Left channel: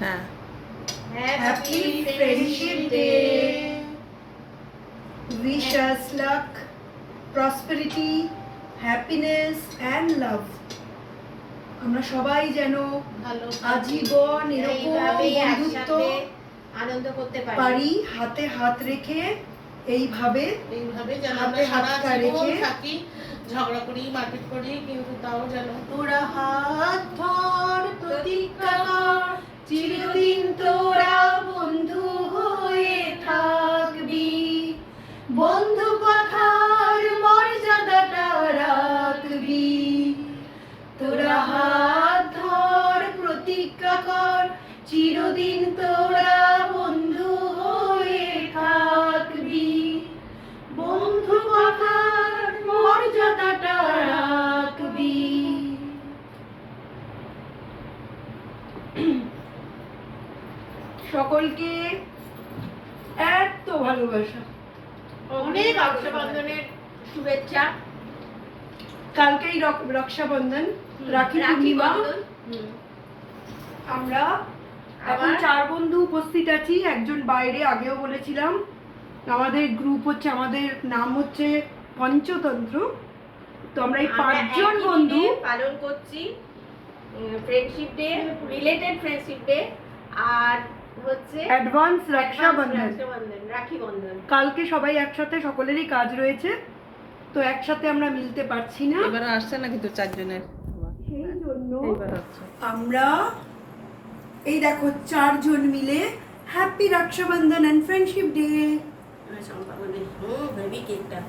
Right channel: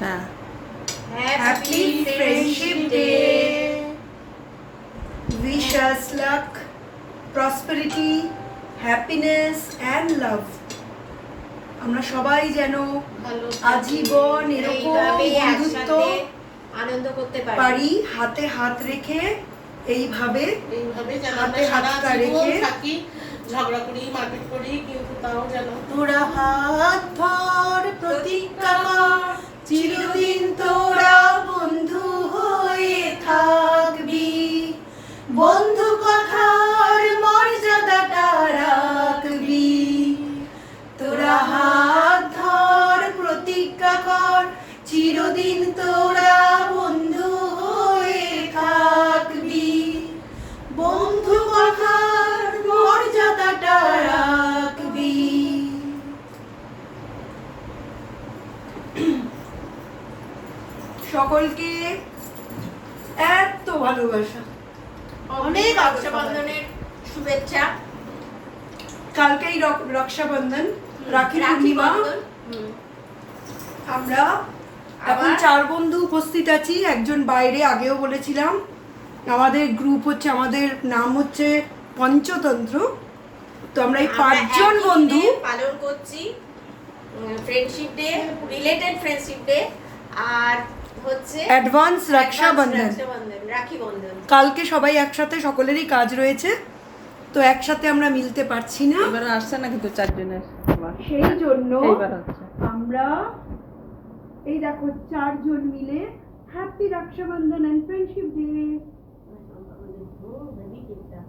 হ্যাঁ, happy friendship day. Wish us lakh, prosperity, happiness and love. আমরা সবাই যেন আজীবন এরকম বন্ধুত্ব আনন্দ করতে পারি, হাতে হাত রেখে এইভাবে যেন হাতে আমরা সারা হাতটা জীবন রেখে থাকি, ঝগড়া করি মারপিট করি, কিন্তু তাও যেন তোরা হাত ধর, প্রতিজ্ঞা কর, চিরদিন তোরা বন্ধু হয়ে থাকবি, বন্ধু কথার মর্যাদাটা রাখবি। তোরা হাত ধর, প্রতিজ্ঞা কর, চিরদিন তোরা বন্ধু হয়ে থাকবি, বন্ধু কথার মর্যাদাটা রাখবি। সকলকে এত ভালোবাসা, অনেক রক্ষাবন্ধনের শুভেচ্ছা। কালকেই রক্ষাবন্ধন, রাখি পূর্ণিমা। আমরা এখন 4 বন্ধু উপস্থিত আছি, একজন বাইরে, আগেও বলেছিলাম। আমাদের গ্রুপ হচ্ছে, আমাদের নাম হচ্ছে পঞ্চতন্ত্র। তো আমরা এই 5 জন বন্ধু পালন করছি friendship day, related friendship day, আর হচ্ছে অ্যাডভান্স রক্ষাবন্ধন, রাখি বন্ধন। কালকে সবাই একসাথে, সকলেরই কাজ রয়েছে, তো একসাথে আমরা মিলতে পারছি না। এবার আসছে না কিন্তু 4 জনের, সেই জন্য এইবার হচ্ছে। আমরা এই দেখো 4 জন মিলে happy Rakshabandhan and friendship day. Baby কেকটা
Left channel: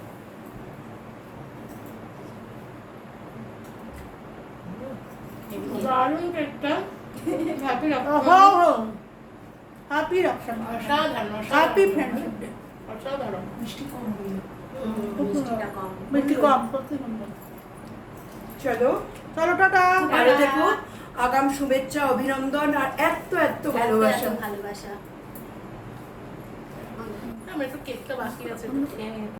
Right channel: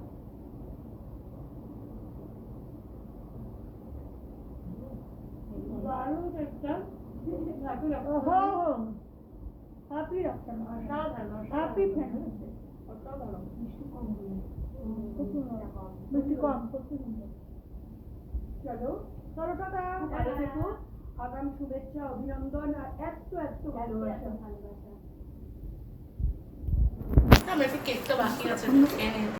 দারুণ কেকটা। হ্যাপি হ্যাপি রক্ষাবন্ধন, অসাধারণ, হ্যাপি ফ্রেন্ডশিপ ডে। অসাধারণ। মিষ্টি কম হলো, মিষ্টিটা কম। মিষ্টি কম, সত্যি সুন্দর। চলো চলো টাটা। ভালো থেকো, আগাম শুভেচ্ছা, অভিনন্দন আর এত এত ভালোবাসা। ভালোবাসা। আমার একটু কেকটা বাকি আছে, খেয়ে নিই।